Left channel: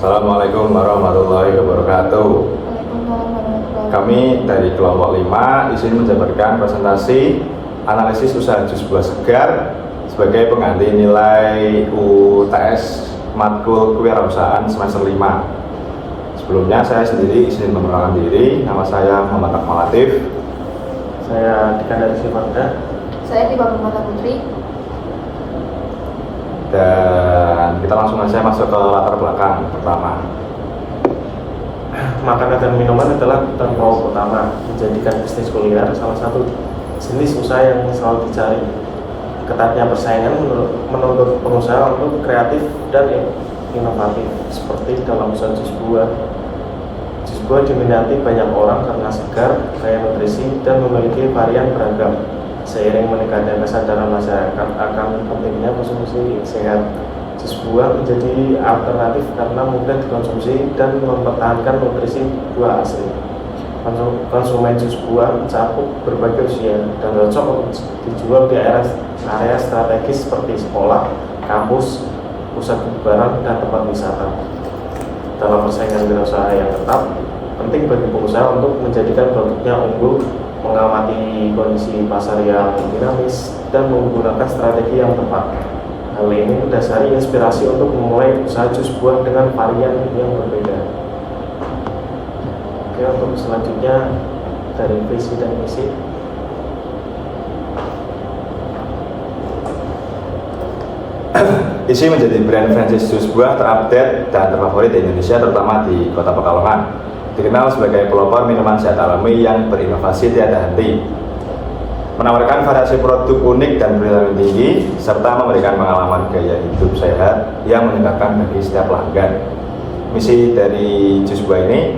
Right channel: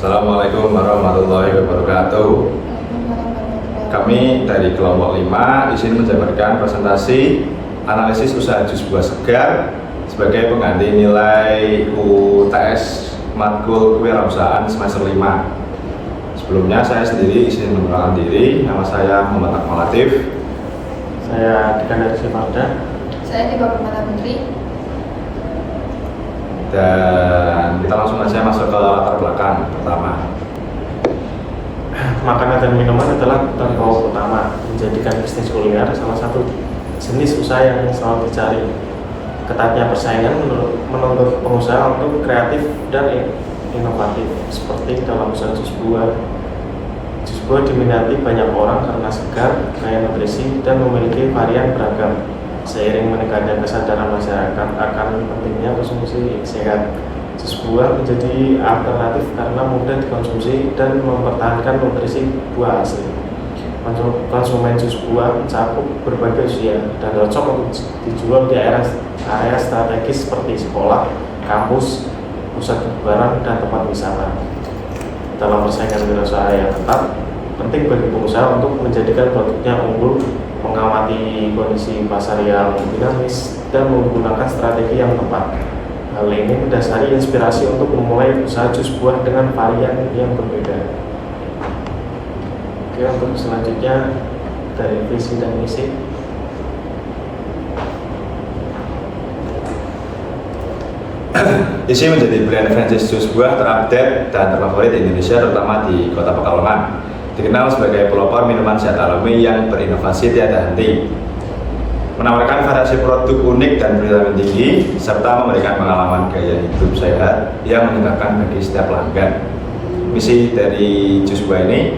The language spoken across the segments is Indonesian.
Assalamualaikum warahmatullahi wabarakatuh. Kami dari kelompok 5 di sini menjabarkan presentasi analisis usaha jus buah segar sebagai pengganti nilai UTS matkul kewirausahaan semester 5. Sebelumnya saya sendiri izin memperkenalkan diri. Nama saya Muhammad Akmal Latif. Saya Dikandar Sifarda. Saya Dipa Permata Putri. Dan kita langsung saja masuk ke latar belakang pertama. Makanan dan minuman adalah kebutuhan pokok utama, menjadikan bisnis kuliner salah satu jenis usaha yang selalu dicari. Ketatnya persaingan menuntut pengusaha untuk kreatif dan inovatif, seperti dalam usaha jus buah. Jus buah diminati banyak orang karena segar, kaya nutrisi, dan memiliki varian beragam. Seiring meningkatnya kesadaran masyarakat akan pentingnya konsumsi sehat, jus buah menjadi alternatif karena mudah dikonsumsi dan mempertahankan nutrisi buah asli. Konsumen jus buah mencakup berbagai usia dan cocok untuk dijual di area strategis seperti sekolah, kampus, pusat kebugaran, dan tempat wisata. Dalam persaingan wirausaha yang ketat, penting bagi pengusaha untuk menjadikan produknya unggul, mengamati kondisi pasar yang dinamis, dan menggunakan strategi yang tepat. Hal ini mendasari inspirasi untuk memulai usaha jus buah dengan varian yang berbeda. Oke, untuk selanjutnya dari visi dan misi. Isi menjadi brand franchise jus buah terupdate dan terfavorit di Indonesia, terutama di Kota Pekalongan. Dikenal sebagai pelopor minuman sehat alami yang berinovasi tiada henti, menawarkan variasi produk unik dan bervitamin tinggi, serta memberikan pengalaman gaya hidup sehat yang menyenangkan bagi setiap pelanggan. Misi dari jus buah ini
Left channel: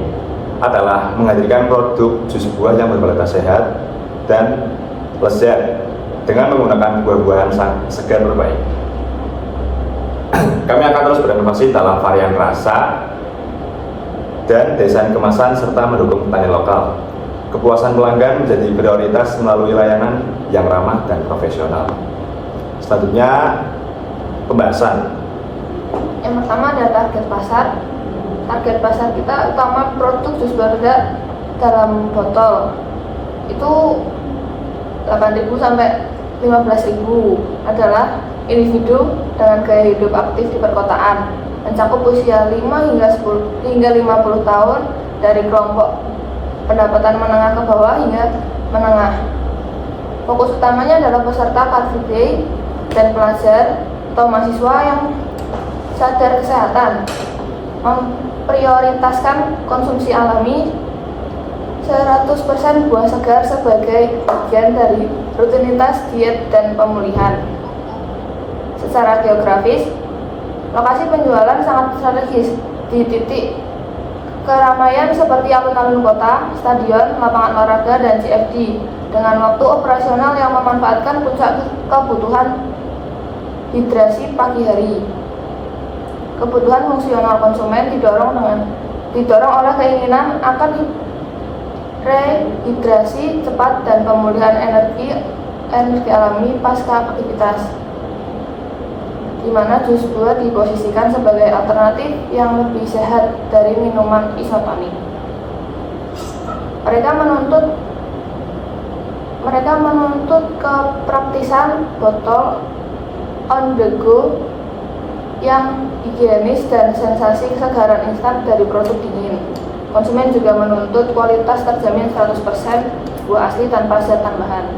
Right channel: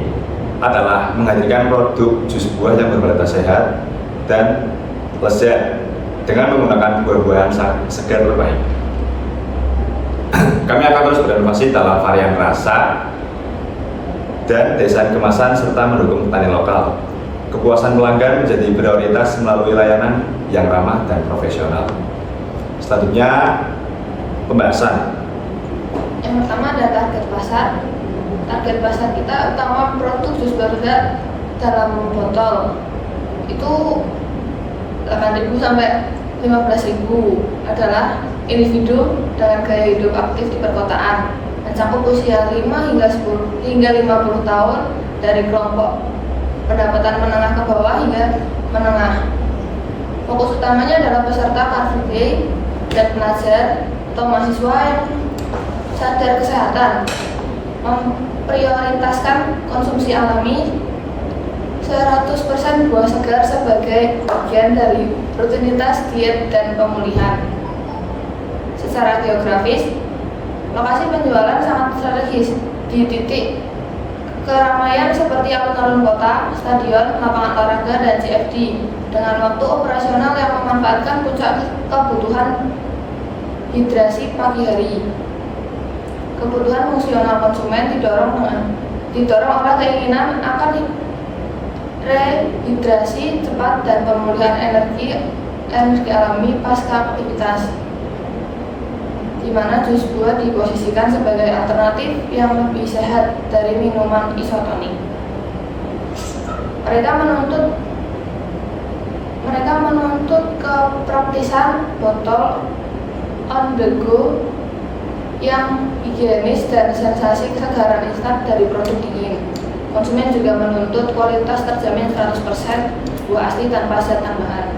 adalah menghadirkan produk jus buah yang berkualitas sehat dan lezat dengan menggunakan buah-buahan segar terbaik. Kami akan terus berinovasi dalam varian rasa dan desain kemasan serta mendukung petani lokal. Kepuasan pelanggan menjadi prioritas melalui layanan yang ramah dan profesional. Selanjutnya, pembahasan. Yang pertama adalah target pasar. Target pasar kita utama produk jus buah segar dalam botol itu 8.000 sampai 15.000 adalah individu dengan gaya hidup aktif di perkotaan, mencakup usia 5 hingga 50 tahun dari kelompok pendapatan menengah ke bawah hingga menengah. Fokus utamanya adalah peserta Car Free Day dan pelajar atau mahasiswa yang sadar kesehatan, memprioritaskan konsumsi alami, 100% buah segar sebagai bagian dari rutinitas diet dan pemulihan. Secara geografis, lokasi penjualan sangat strategis di titik keramaian seperti alun-alun kota, stadion, lapangan olahraga, dan CFD dengan waktu operasional yang memanfaatkan puncak kebutuhan hidrasi pagi hari. Kebutuhan fungsional konsumen didorong oleh keinginan akan rehidrasi cepat dan pemulihan energi alami pasca aktivitas, di mana jus buah diposisikan sebagai alternatif yang lebih sehat dari minuman isotonik. Mereka menuntut kepraktisan botol on the go yang higienis dan sensasi kesegaran instan dari produk dingin. Konsumen juga menuntut kualitas terjamin 100% buah asli tanpa zat tambahan,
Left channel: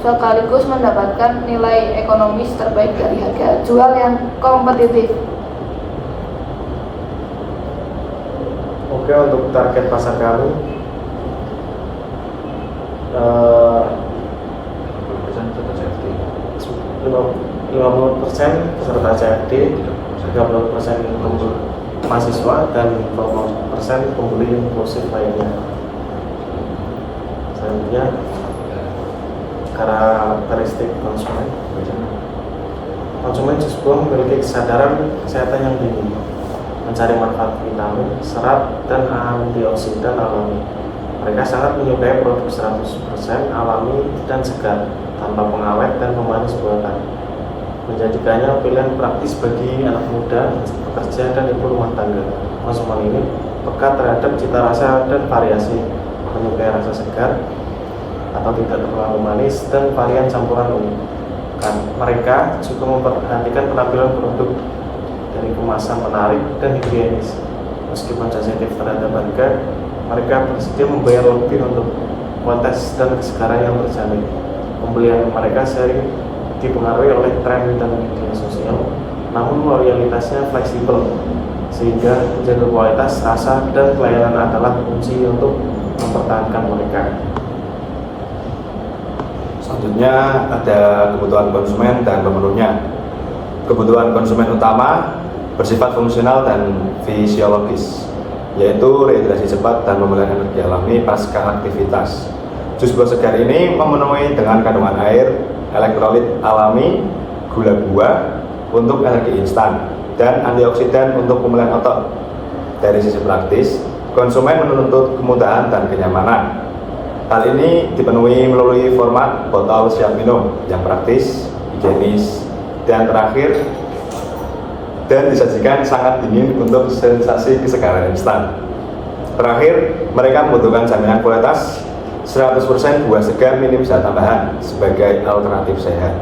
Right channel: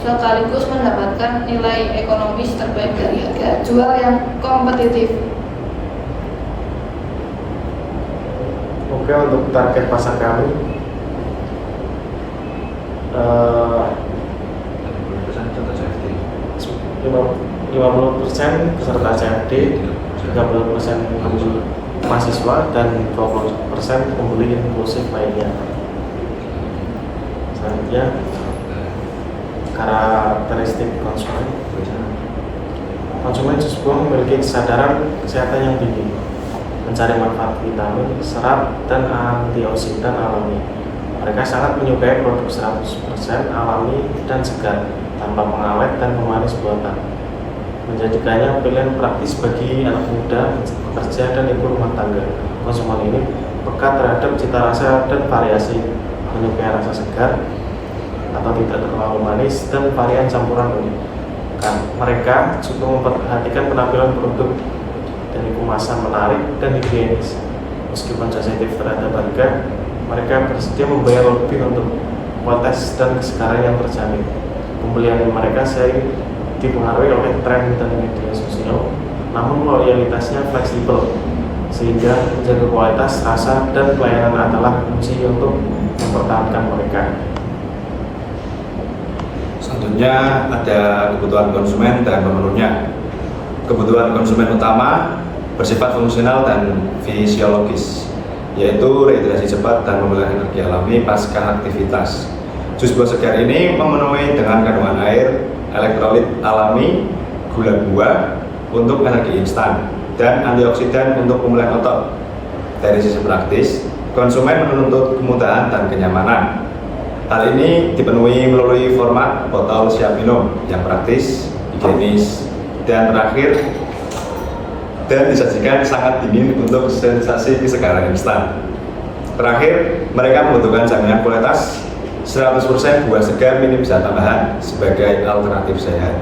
sekaligus mendapatkan nilai ekonomis terbaik dari harga jual yang kompetitif. Oke, untuk target pasar kami 50% peserta CFD, 30% mahasiswa, dan 20% pembeli inklusif lainnya. Selanjutnya, karakteristik konsumen. Konsumen jus buah memiliki kesadaran kesehatan yang tinggi, mencari manfaat vitamin, serat, dan antioksidan alami. Mereka sangat menyukai produk 100% alami dan segar, tanpa pengawet dan pemanis buatan. menjadikannya pilihan praktis bagi anak muda, pekerja, dan ibu rumah tangga. Konsumen ini peka terhadap cita rasa dan variasi, menyukai rasa segar atau tidak terlalu manis dan varian campuran unik. Mereka juga memperhatikan penampilan produk dari kemasan menarik dan higienis. Meskipun sensitif terhadap harga, mereka bersedia membayar lebih untuk kualitas dan kesegaran yang terjamin. Pembelian mereka sering dipengaruhi oleh tren dan media sosial, namun loyalitasnya fleksibel, sehingga menjaga kualitas, rasa, dan pelayanan adalah kunci untuk mempertahankan mereka. Selanjutnya ada kebutuhan konsumen dan pemenuhnya. Kebutuhan konsumen utama bersifat fungsional dan fisiologis, yaitu rehidrasi cepat dan pemulihan energi alami pasca aktivitas. Jus buah segar ini memenuhi dengan kandungan air, elektrolit alami, gula buah untuk energi instan, dan antioksidan untuk pemulihan otot. Dari sisi praktis, konsumen menuntut kemudahan dan kenyamanan. Hal ini dipenuhi melalui format botol siap minum yang praktis, higienis, dan terakhir dan disajikan sangat dingin untuk sensasi kesegaran instan. Terakhir, mereka membutuhkan jaminan kualitas 100% buah segar minim zat tambahan sebagai alternatif sehat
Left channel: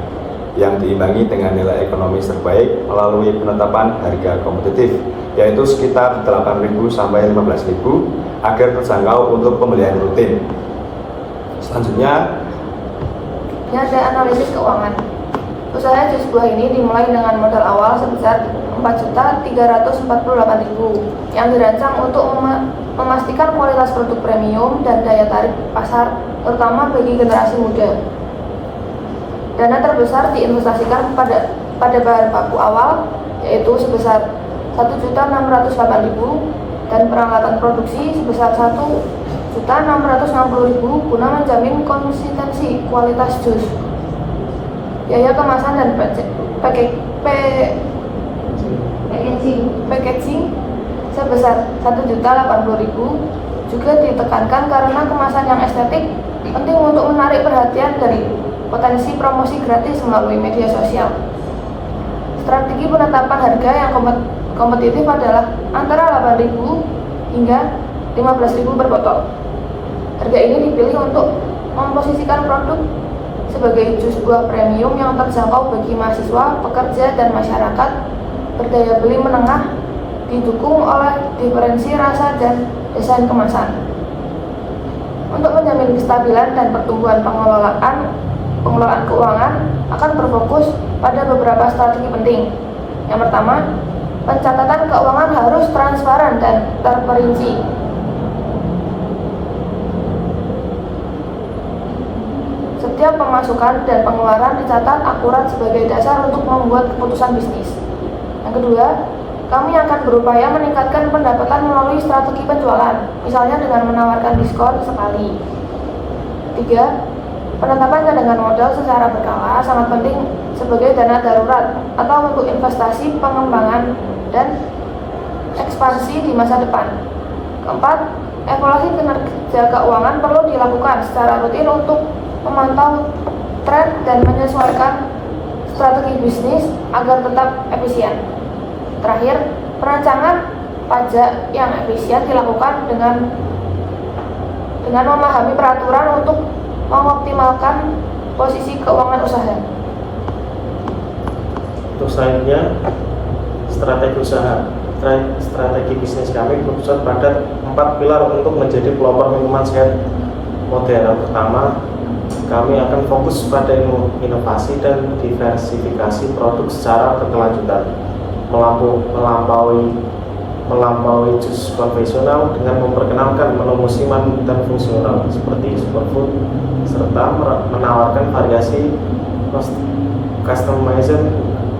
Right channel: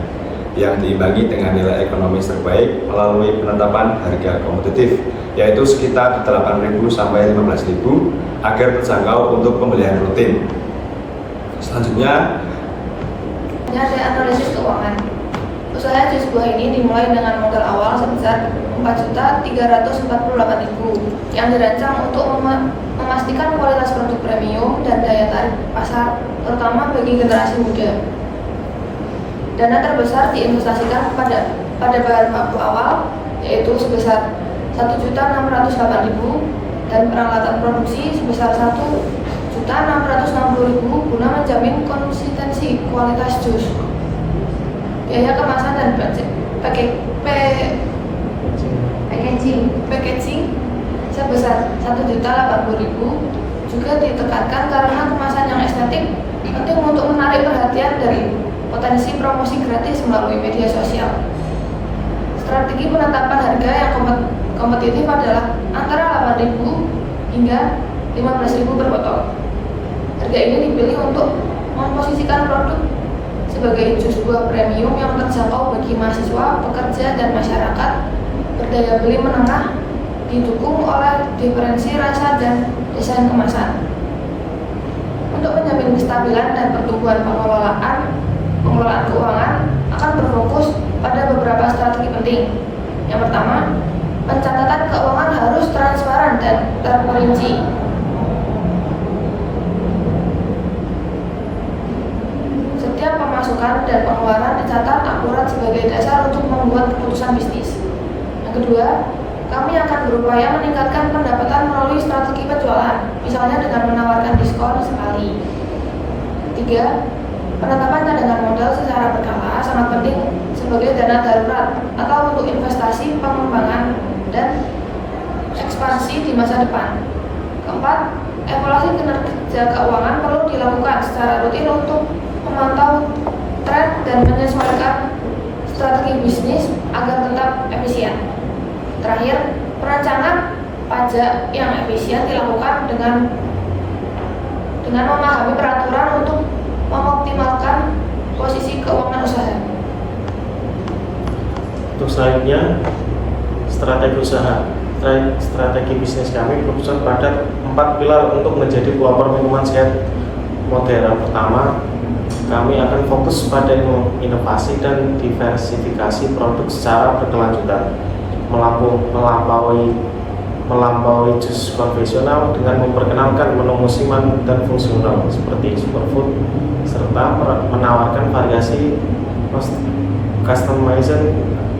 yang diimbangi dengan nilai ekonomis terbaik melalui penetapan harga kompetitif, yaitu sekitar 8.000 sampai 15.000 agar terjangkau untuk pembelian rutin. Selanjutnya, ini ada analisis keuangan. Usaha jus buah ini dimulai dengan modal awal sebesar 4.348.000 yang dirancang untuk memastikan kualitas produk premium dan daya tarik pasar, terutama bagi generasi muda. Dana terbesar diinvestasikan pada bahan baku awal, yaitu sebesar 1.608.000 dan peralatan produksi sebesar 1.660.000 guna menjamin konsistensi kualitas jus. Biaya kemasan dan packaging sebesar 1.080.000 juga ditekankan karena kemasan yang estetik penting untuk menarik perhatian dari potensi promosi gratis melalui media sosial. Strategi penetapan harga yang kompetitif adalah antara 8.000 hingga 15.000 per botol. Harga ini dipilih untuk memposisikan produk sebagai jus buah premium yang terjangkau bagi mahasiswa, pekerja, dan masyarakat berdaya beli menengah, didukung oleh diferensi rasa dan desain kemasan. Untuk menjamin kestabilan dan pertumbuhan pengelolaan keuangan akan berfokus pada beberapa strategi penting. Yang pertama, pencatatan keuangan harus transparan dan terperinci. Setiap pemasukan dan pengeluaran dicatat akurat sebagai dasar untuk membuat keputusan bisnis. Yang kedua, kami akan berupaya meningkatkan pendapatan melalui strategi penjualan, misalnya dengan menawarkan diskon sekali. Tiga, penetapan cadangan modal secara berkala sangat penting sebagai dana darurat atau untuk investasi, pengembangan, dan ekspansi di masa depan. Keempat, evaluasi kinerja keuangan perlu dilakukan secara rutin untuk memantau tren dan menyesuaikan strategi bisnis agar tetap efisien. Terakhir, perancangan pajak yang efisien dilakukan dengan memahami peraturan untuk mengoptimalkan posisi keuangan usaha. Untuk selanjutnya, strategi usaha. Strategi bisnis kami berpusat pada 4 pilar untuk menjadi pelopor minuman sehat modern. Pertama, kami akan fokus pada inovasi dan diversifikasi produk secara berkelanjutan, melampaui jus konvensional dengan memperkenalkan menu musiman dan fungsional seperti superfood, serta menawarkan variasi customization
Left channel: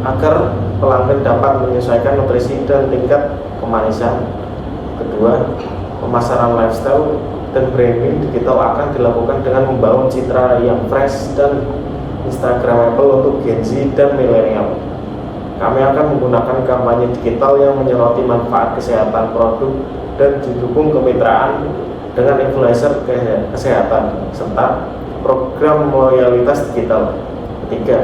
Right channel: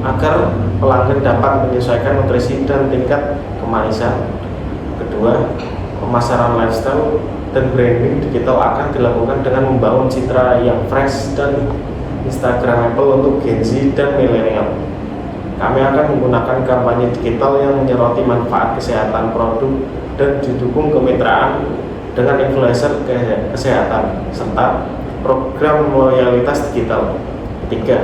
agar pelanggan dapat menyesuaikan nutrisi dan tingkat kemanisan. Kedua, pemasaran lifestyle dan branding digital akan dilakukan dengan membangun citra yang fresh dan instagramable untuk Gen Z dan milenial. Kami akan menggunakan kampanye digital yang menyoroti manfaat kesehatan produk dan didukung kemitraan dengan influencer kesehatan serta program loyalitas digital. Ketiga,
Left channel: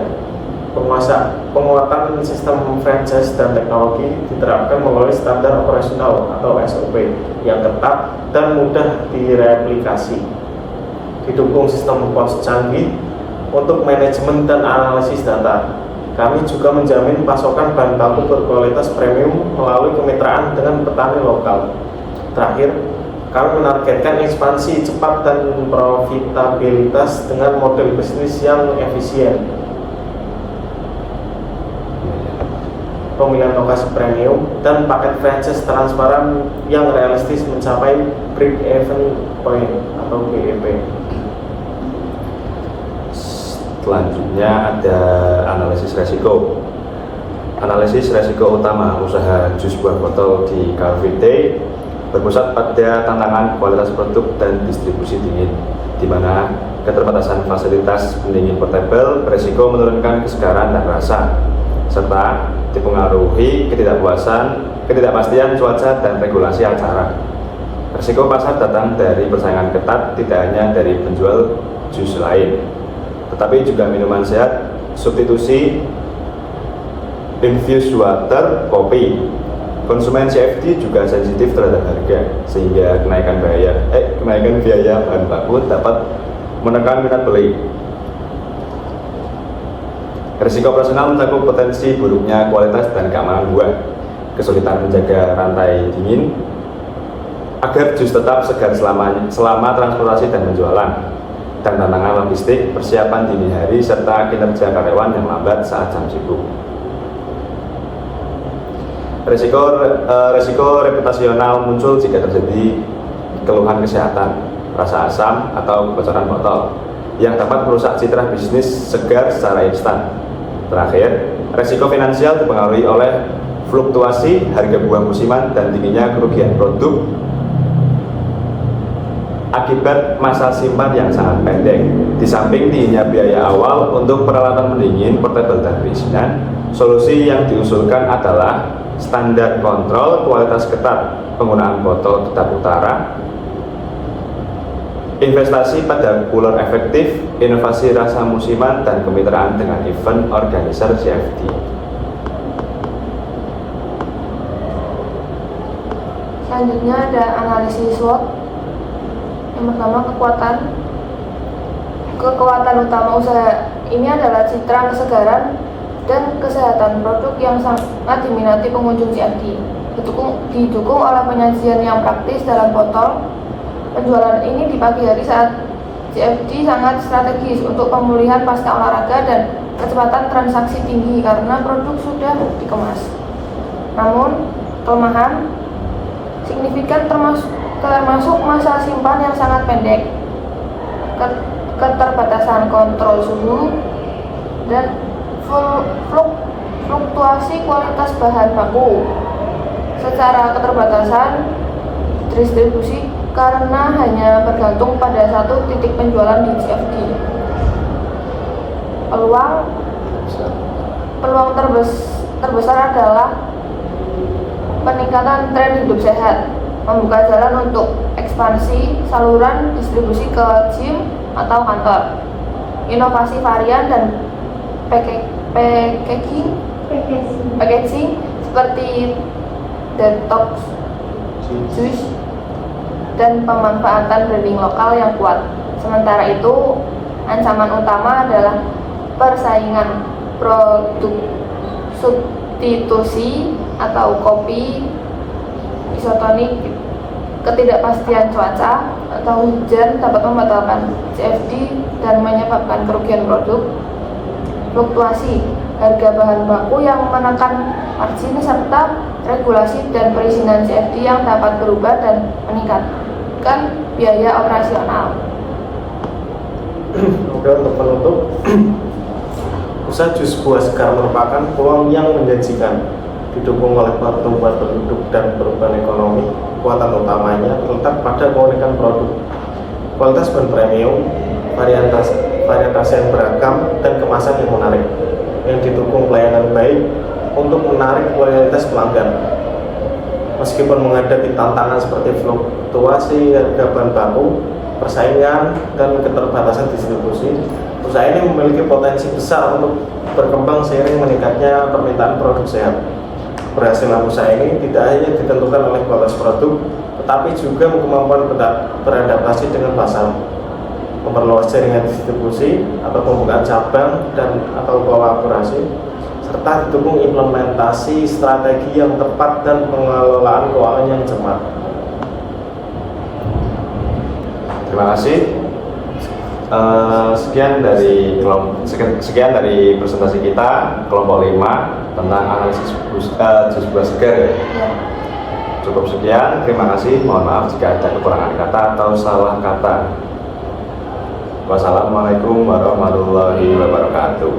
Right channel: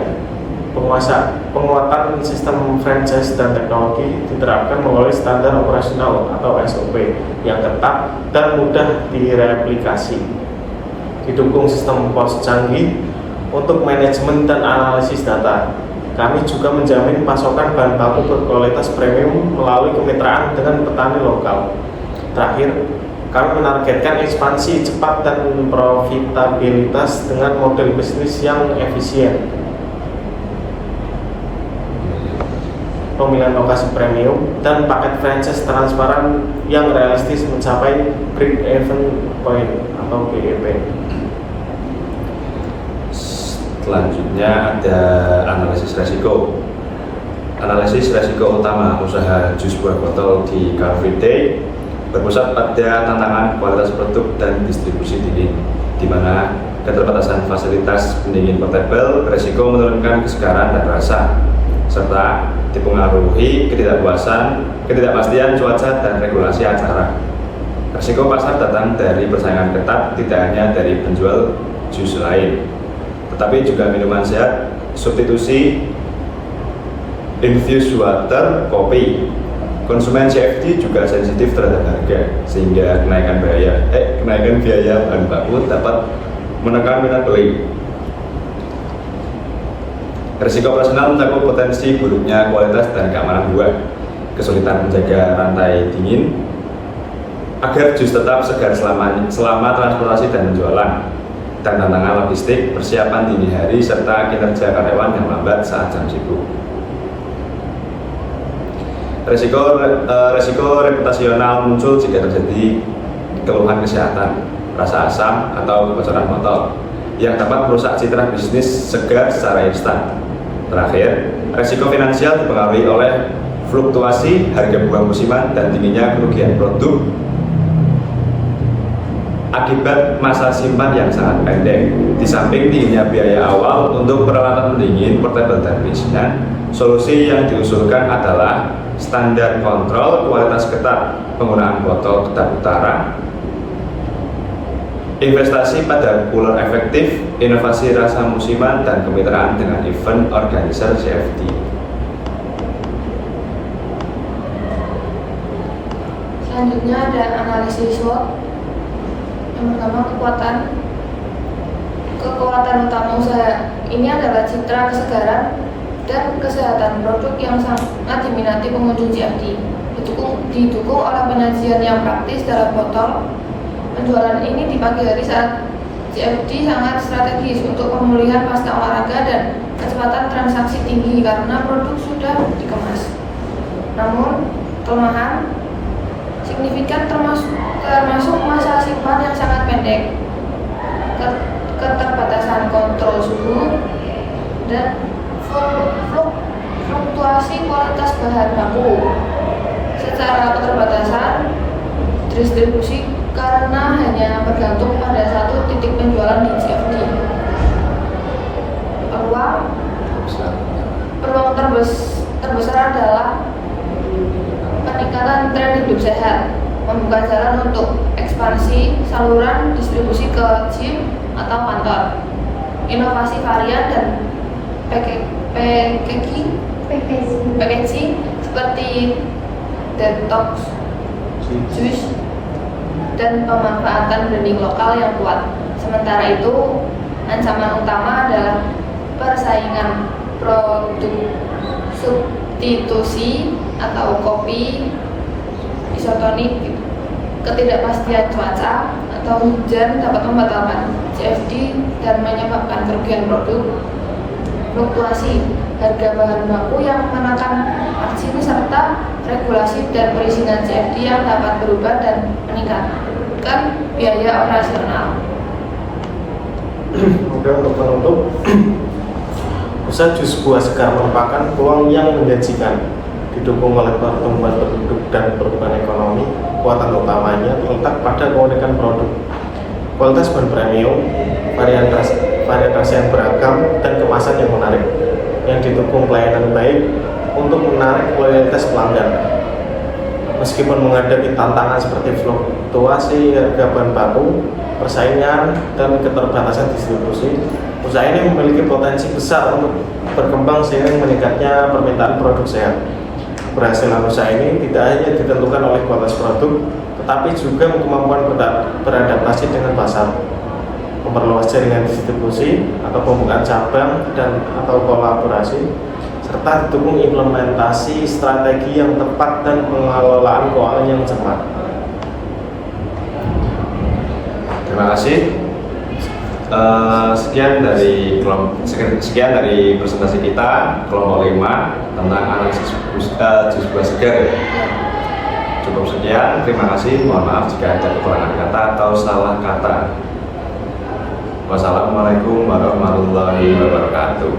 Penguatan sistem franchise dan teknologi diterapkan melalui standar operasional atau SOP yang ketat dan mudah direplikasi. Didukung sistem pos canggih untuk manajemen dan analisis data. Kami juga menjamin pasokan bahan baku berkualitas premium melalui kemitraan dengan petani lokal. Terakhir, kami menargetkan ekspansi cepat dan profitabilitas dengan model bisnis yang efisien. Pemilihan lokasi premium dan paket franchise transparan yang realistis mencapai break-even point atau BEP. Selanjutnya ada analisis resiko. Analisis resiko utama usaha jus buah botol di Car Free Day berpusat pada tantangan kualitas produk dan distribusi dingin, di mana keterbatasan fasilitas pendingin portable beresiko menurunkan kesegaran dan rasa, serta dipengaruhi ketidakpastian cuaca dan regulasi acara. Risiko pasar datang dari persaingan ketat tidak hanya dari penjual jus lain, tetapi juga minuman sehat, substitusi infused water, kopi. Konsumen CFD juga sensitif terhadap harga, sehingga kenaikan biaya bahan baku dapat menekan minat beli. Risiko operasional mencakup potensi buruknya kualitas dan keamanan buah, kesulitan menjaga rantai dingin agar jus tetap segar selama transportasi dan penjualan, dan tantangan logistik, persiapan dini hari, serta kinerja karyawan yang lambat saat jam sibuk. Risiko reputasional muncul jika terjadi keluhan kesehatan, rasa asam, atau kebocoran botol yang dapat merusak citra bisnis segar secara instan. Terakhir, risiko finansial dipengaruhi oleh fluktuasi harga buah musiman dan tingginya kerugian produk akibat masa simpan yang sangat pendek. Di samping tingginya biaya awal untuk peralatan pendingin, portable, dan perizinan, solusi yang diusulkan adalah standar kontrol kualitas ketat, penggunaan botol tetap utara, investasi pada cooler efektif, inovasi rasa musiman, dan kemitraan dengan event organizer CFD. Selanjutnya ada analisis SWOT. Yang pertama, kekuatan utama usaha ini adalah citra kesegaran dan kesehatan produk yang sangat diminati pengunjung CFD, didukung oleh penyajian yang praktis dalam botol. Penjualan ini di pagi hari saat CFD sangat strategis untuk pemulihan pasca olahraga dan kecepatan transaksi tinggi karena produk sudah dikemas. Namun, kelemahan signifikan termasuk masa simpan yang sangat pendek, keterbatasan kontrol suhu, dan fluktuasi kualitas bahan baku. Secara keterbatasan distribusi karena hanya bergantung pada satu titik penjualan di CFD. Peluang terbesar adalah peningkatan tren hidup sehat, membuka jalan untuk ekspansi saluran distribusi ke gym atau kantor, inovasi varian dan packaging seperti detox juice dan pemanfaatan branding lokal yang kuat. Sementara itu, ancaman utama adalah persaingan produk substitusi atau kopi isotonik, ketidakpastian cuaca atau hujan dapat membatalkan CFD dan menyebabkan kerugian produk, fluktuasi harga bahan baku yang menekan margin, serta regulasi dan perizinan CFD yang dapat berubah dan meningkatkan biaya operasional. Oke, untuk menutup, usaha jus buah segar merupakan peluang yang menjanjikan, didukung oleh pertumbuhan penduduk dan perubahan ekonomi. Kekuatan utamanya terletak pada keunikan produk, kualitas bahan premium, varietas yang beragam, dan kemasan yang menarik, yang didukung pelayanan baik untuk menarik loyalitas pelanggan. Meskipun menghadapi tantangan seperti fluktuasi harga bahan baku, persaingan, dan keterbatasan distribusi, usaha ini memiliki potensi besar untuk berkembang seiring meningkatnya permintaan produk sehat. Keberhasilan usaha ini tidak hanya ditentukan oleh kualitas produk, tetapi juga kemampuan beradaptasi dengan pasar, memperluas jaringan distribusi atau pembukaan cabang dan atau kolaborasi, serta didukung implementasi strategi yang tepat dan pengelolaan keuangan yang cermat. Terima kasih. Sekian dari presentasi kita kelompok 5 tentang analisis jus buah segar. Cukup sekian. Terima kasih. Mohon maaf jika ada kekurangan kata atau salah kata. Wassalamualaikum warahmatullahi wabarakatuh.